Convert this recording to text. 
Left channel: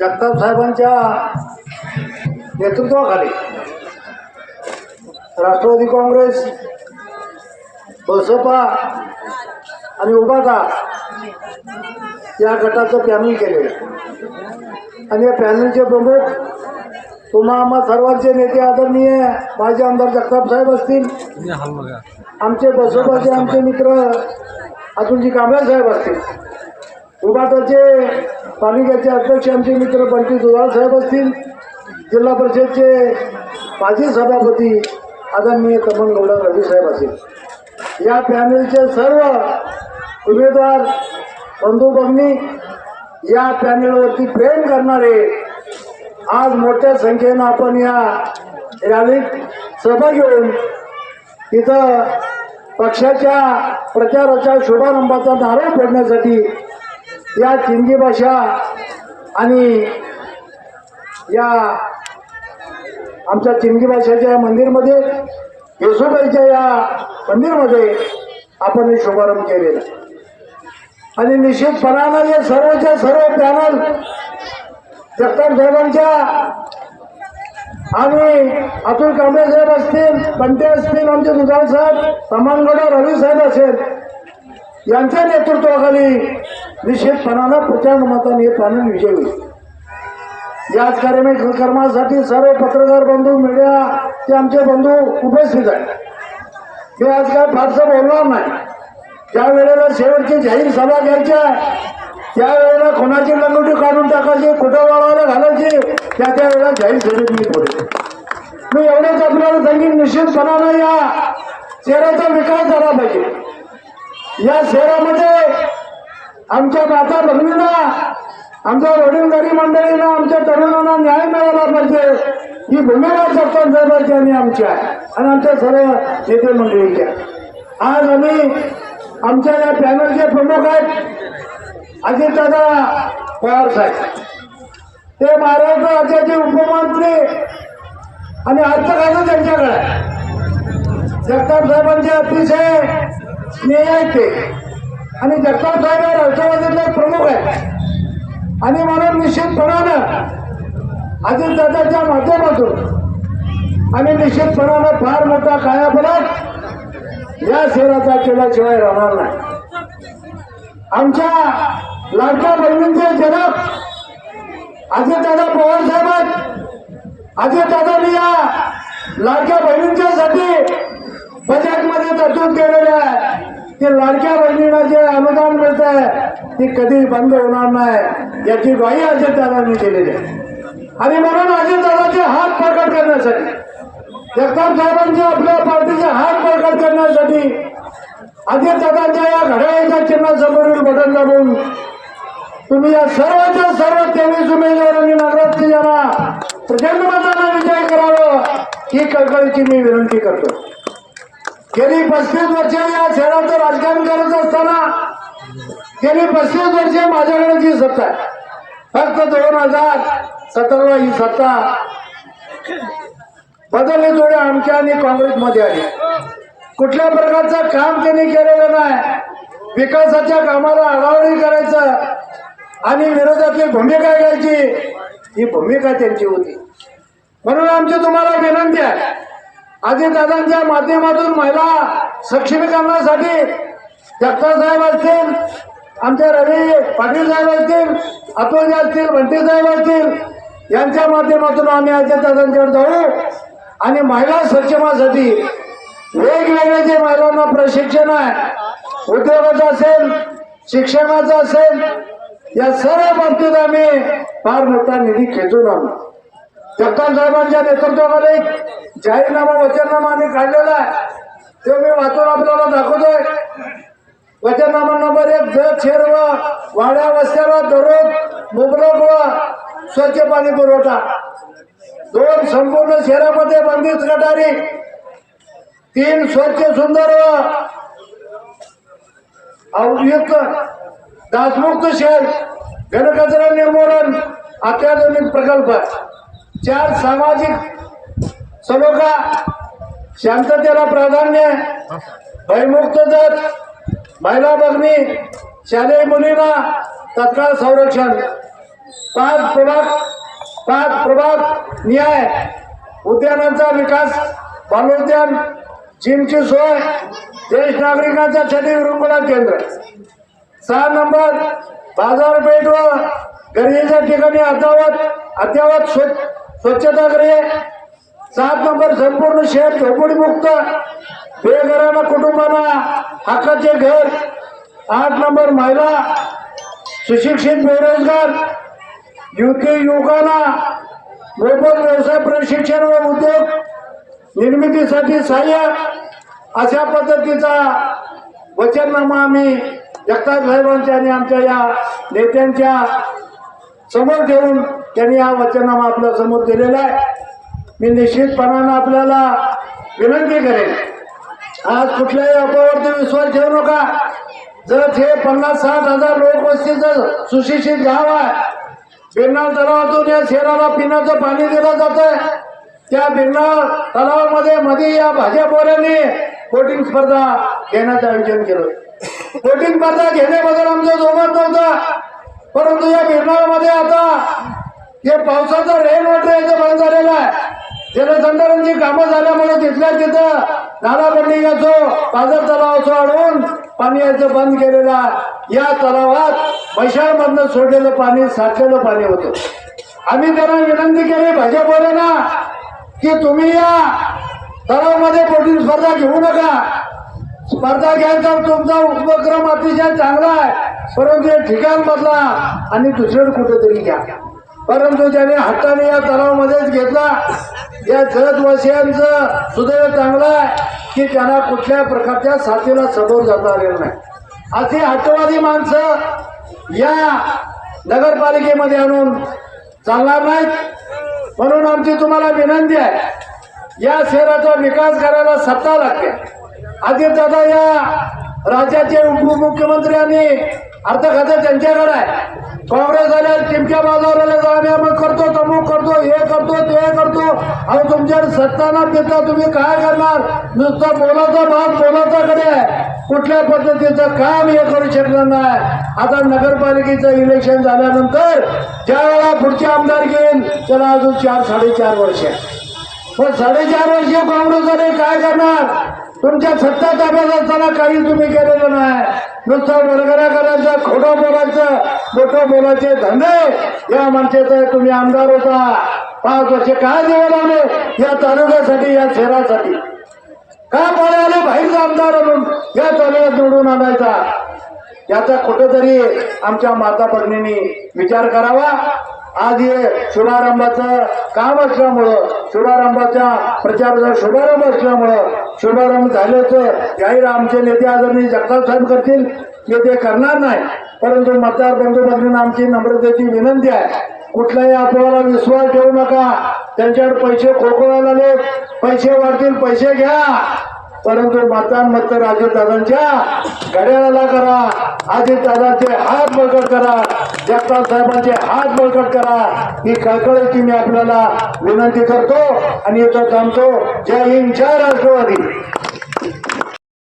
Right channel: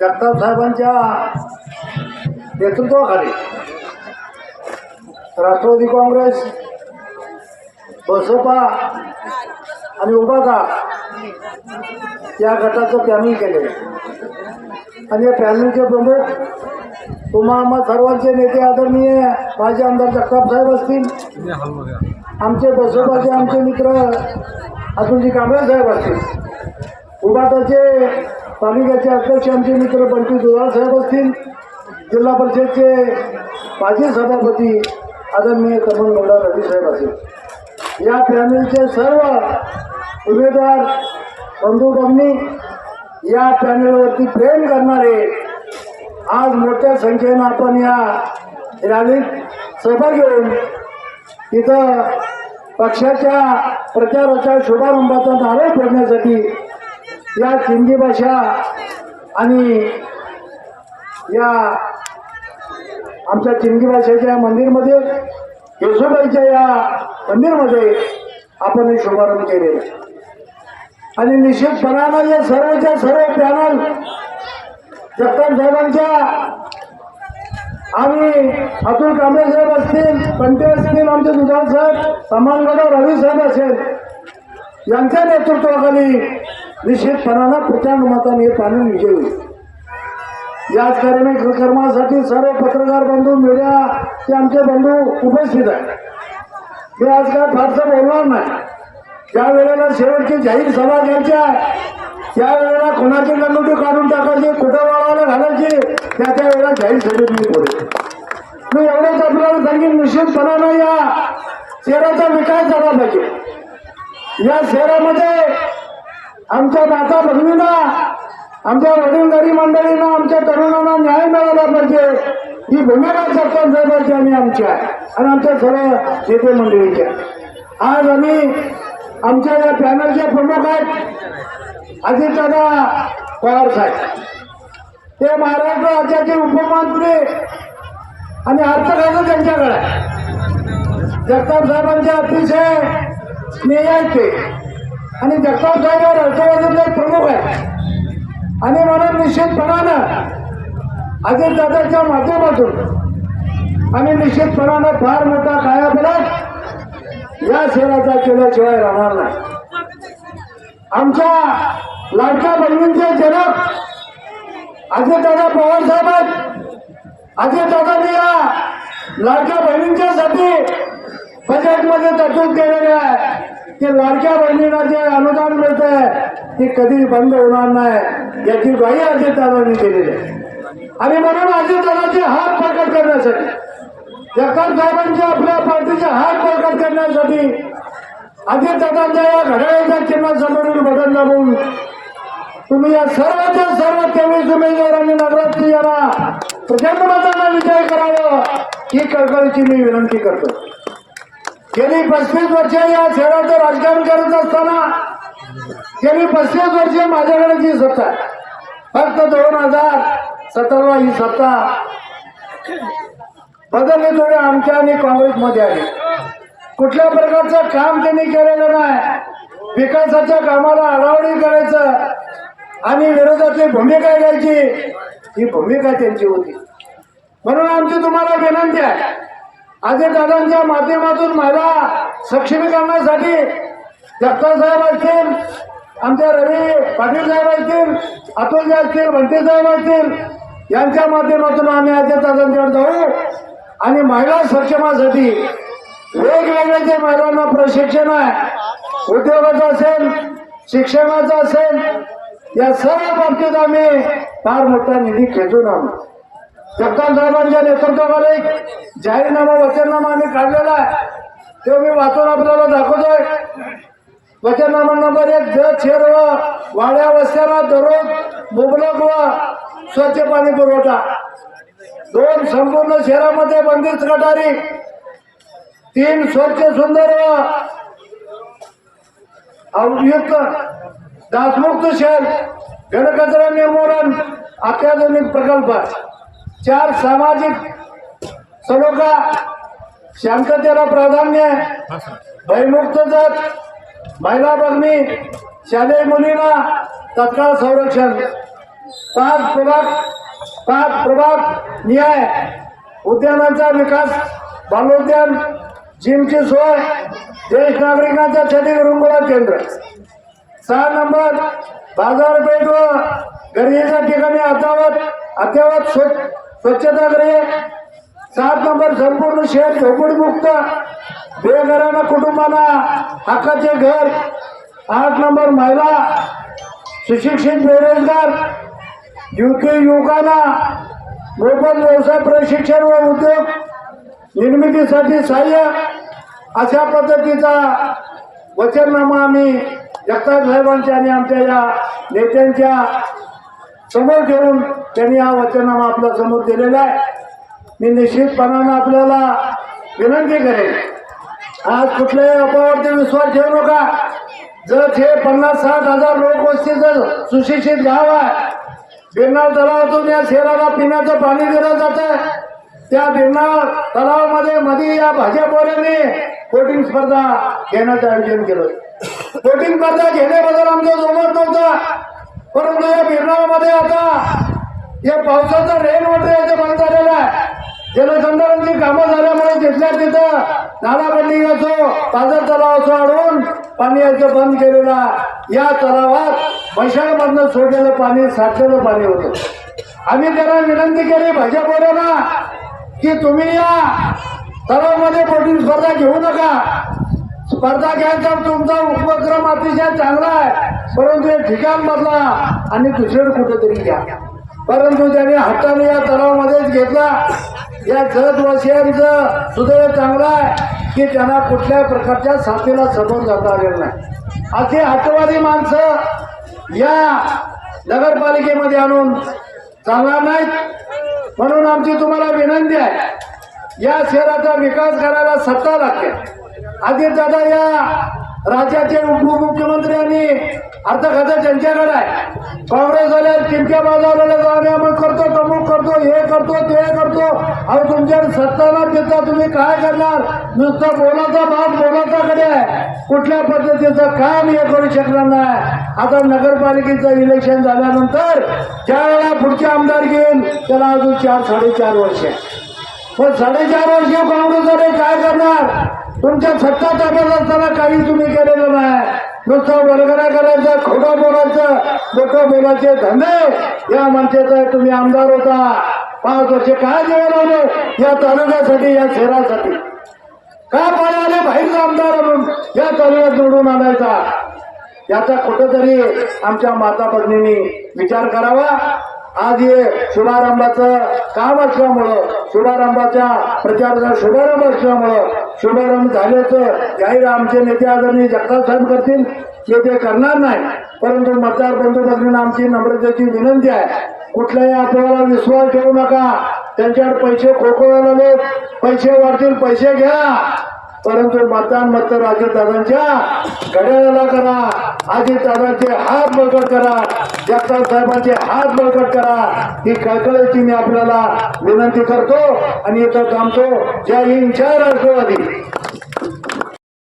जगताप साहेबांच्या नेतृत्वाखाली राष्ट्रवादी काँग्रेस बसपा आणि उबाटा या गटाचं पॅनल केले आणि या पॅनलचे प्रमुख तुम्हा आम्हा सर्वांचे नेते आदरणीय माझे आमदार जगताप साहेब असतील. आमचे बसपाचे आमचे मित्र अतुलजी कांबळे साहेब असतील. उबाटाचे तालुक्याचे अध्यक्ष आमचे मित्र बंटी दुधाळ साहेब असतील जिल्हा परिषदचे माजी सभापती आदरणीय तरुण गौडा रवी साहेब असतील. या पॅनलचे सर्व उमेदवार बंधू या पॅनलवरती प्रेम करणारे आज मोठ्या संख्येनं आपण या रॅलीत सहभागी होऊन तिथं पक्षाच्या प्रचाराच्या शुभारंभाचा नारळ फोडण्यासाठी या सिंधी भाषा आणि या आमच्या चिंगी भाषेच्या मंदिरमध्ये येशोबाईच्या या मंदिरमध्ये आपण हे शुभारंभ केलेला आणि निश्चितपणानं या सर्वच्या सर्व पॅनल जगताप साहेबांच्या आणि अतुल कांबळे साहेब असतील पंटे असतील आमचे दुधाळ साहेब समान रवी साहेब असेल यांच्या नेतृत्वाखाली निश्चितपणानं प्रचंड मताने येत आणून विजय. होईल याच कार्यक्रमासाठी सर्व पत्रकार बंधू मीडिया ते आमचे बंधू उपस्थित आहेत. मी आज काय फारसं बोलणार नाही. ज्या वेळेला शेवटची जाहीर सभा घ्यायच्या त्यावेळेला कोणाची लंगोटी काढून टाकायची कुठं वाळायला घालायची त्या त्या वेळेला जाहीर सभेत मी बोलतो मी एवढंच आपल्याला सांगेन निश्चितपणानं या शहराचा विकास झाला पाहिजे. या शहरामध्ये आमच्या माता भगिनींना आमच्या वडीलधारी मंडळींना आमच्या तरुणांना न्याय मिळाला पाहिजे. ही भूमिका जगताप साहेबांची आणि आमच्या आणि आमच्या सर्व नेते मंडळीच्या. आज आम्ही आमच्या या पॅनलचे प्रमुख आहेत अजितदादा पवार साहेब. ते महाराष्ट्र राज्याचे उपमंत्री आणि अर्थकारण त्यांच्याकडे जगताप साहेबांचे अतिशय स्नेह आहेत ते. आणि जगताप साहेब हे राष्ट्रवादीतले प्रमुख आहेत. आणि मला निश्चितपणानं अजितदादाच्या माध्यमातून आणि निश्चितपणानं फार मोठा कायापलट या शहराचा केल्याशिवाय राहणार नाही. आमच्या लाडक्या बहिणींचे जनक अजितदादा पवार साहेब आहेत. अजितदादांनी या लाडक्या बहिणींच्यासाठी बजेटमध्ये तरतूद केलेली आहे. ते लाडक्या बहिणींना जे अनुदान मिळत आहे ते कधी बंद होणार नाही याची ग्वाही अजितदादांनी दिलेली आहे. आणि म्हणून अजितदादाचे हात प्रकट करण्यासाठी जगताप साहेबांचे आपल्या पार्टीचे हात प्रकट करण्यासाठी अजितदादांच्या या घड्याळाच्या चिन्हासमोरील बटन दाबून तुम्ही या सर्वांच्या सर्व तेवीस उमेदवारांनी नगरात यांना प्रचंड मतांना विजय करावं ही कळकळीची मी विनंती करतो. गेली पस्तीस वर्ष या शहराचं राजकारण करत असताना गेली पस्तीस वर्षे माझ्याकडे जी सत्ता फक्त दोन हजार सतराला ही सत्ता बदलले थोडे आमच्या आणि काँग्रेसमध्ये आली. कुठल्या प्रकारचं काम त्यांनी केलेलं नाही विकासाच्या कामाला अडावणी करायचं आणि विरोधातली भूमिका घ्यायची ही भूमिका त्यांची होती. म्हणून आमची तुम्हाला विनंती आहे अजितदादांच्या माध्यमातून महिला सक्षमीकरणासाठी जगताप साहेब असतील आमच्या रवी पाटील साहेब असतील अतुलजी असतील भंटे साहेब असतील यांच्या माध्यमातून आम्ही अजितदादांकडे जाऊ आणि महिला सक्षमासाठी वेगवेगळे जे महिलांना प्रशिक्षण आहे उद्योगाचं असेल शिक्षणाचं असेल या सर्व बाबतीत आम्ही फार मोठा निधी खेचून आहोत जगताप साहेबांच्या नेतृत्वामध्ये एक जाहीरनामा वचननामा आम्ही काढलेला आहे. ते मी वाचून आपल्याला दाखवतोय. वचननामा नंबर एक जग शेर व वाड्या वस्त्याला दररोज मुबलक व स्वच्छ पाणी पुरवठा. दोन संपूर्ण शहरामध्ये बंदिस्त गटारी. तीन स्वच्छ सुंदर व अवयुक्त दासमुक्त शहर घनकचरा निर्मूलन अत्याधुनिक प्रकल्प. चार सामाजिक सलोखा शांततेला प्राधान्य भयमुक्त जत महिला बघणी शालेय मुलींना तत्काळ संरक्षण. पाच प्रभाग पाच प्रभाग न्याय उद्यानांचा विकास बालोद्यान जिमची सोय ज्येष्ठ नागरिकांसाठी रुग्ण केंद्र. सहा नंबर बाजारपेठ व गरजेच्या ठिकाणी अद्यावत अद्यावत स्वच्छ स्वच्छतागृहे सात नंबर संपूर्ण शहर झोपडीमुक्त बेघरांना कुटुंबांना हक्काचे घर आठ नंबर महिला सुशिक्षित बेरोजगार युवती युवकांना मोफत व्यवसाय प्रशिक्षण व उद्योग निर्मितीसाठी सहाय्य अशा पद्धतीचा वचननामा आम्ही जगताप साहेबांच्या आणि आमच्या या नेत्यांच्या समोर ठेवून त्यांनी या वचनानं आपल्यासमोर दिलेलं आहे. मी निश्चितपणानं आपल्याला विनंती करेन. आज कुठल्याही अफवावरती विश्वास ठेवू नका. जर हे पन्नास साठ हजार लोकवस्तीचं सुशिक्षित गाव आहे बिरनाळ तलावातून या शहराला पिण्याचं पाणी दिलं जातं. त्या बिरणार तलावामध्ये मध्ये या भाजप पोरांनी कोटिंग स्पर्धा घेण्याचं आयोजन केलं. कोटिंग स्पर्धा घेण्याबद्दल आमच्या जोमात नव्हता. परंतु या बिरणामध्ये आता हे पावसाचं रेन वॉटर याचं बंद झालेलं आहे. जलसंधारणची कामं झाल्यामुळे तिथल्या तिथं नालाबंदी असो पाझर तलाव असो आणून पाणी याचं बंद केलेलं या तलावात म्हैसाळमधनं सोडलेलं पाणी साठलेलं पाणी होतं. आम्ही त्यांना विनंती केली भाजपवाल्यांना की तुम्ही या. तलावामध्ये पोटी स्पर्धा घेऊ नका. स्पर्धा घ्यायचा तुमचा उपक्रम अतिशय चांगला आहे. परंतु हे ठिकाण बदला आणि दुसरं कुठेतरी घ्या. परंतु त्याने हाताने या तलावामध्येच घेतला या जगवासियांचं सुदैव चांगलं आहे की त्यांना कुठल्या प्रकारच्या साथीला समोर जाता आलेलं नाही. असे हटवादी माणसं या नगरपालिकेमध्ये आणून चालणार नाहीत. म्हणून आमची तुम्हाला विनंती आहे या शहराचा विकास करायला सत्ता लागते. आधी दादा या राज्याचे उपमुख्यमंत्री आणि अर्थ खातं त्यांच्याकडे आहे काँग्रेस आल्या टिमक्या बाजवलेल्या जाणे अमुक करतो तमुक करतो हे करतो ते करतो तुमच्या सत्ताना देता तुम्ही काय करणार? नुसतं बोलाचा भाग बोलाचाकडे आहे. कुठल्या पद्धतीचं काम हे करू शकणार नाही. आता नगरपालिकेचं इलेक्शन झाल्यानंतर ज्या वेळेला पुढचे आमदार घेईन त्याला अजून चार साडेचार वर्ष आहे. पण साडेचार वर्ष काँग्रेसवाले काय करणार? तुमच्या सत्ता ताब्यात असताना काही तुम्ही केलेलं नाही. नुसतं बरगरा करायचं खोडा बोलायचं लोक बोलायचे धंदे. या मनसेचा तुम्ही आमदार होता. पाच वर्ष काय जेवण आले या तालुक्यासाठी या शहरासाठी. का आले? बाहेरचा आमदार म्हणून. या तालुक्यात निवडून आणायचा. याचा कुठेतरी आमच्या माता भगिनींनी विचार करावा. आज हे शुभारंभाचं काम असल्यामुळं शुभारंभाच्या प्रचाराचा शुभारंभ असल्यामुळं शुभारंभ झाल्याचं जाहीर आमचे नेते आदरणीय जगताप साहेब करतील. ते ते करणार नाही. परंतु मतदार बंधू भगिनींना आमची नम्रतेची विनंती आहे. कुठल्याही अफवाला विश्वास ठेवू नका. त्यांच्यावर पैसे खोकवायला लोक पैसे वाढतील पैसे घ्या. परंतु मतदान मात्र अजितदादांच्या घड्याळाला करा. अजितदादांचे हात बळकट करा. जगताप साहेबांचे हात बळकट करा. ही कळकळीची मी आपल्याला विनंती करतो आणि इथं थांबतो. जय हिंद जय राष्ट्रवादी.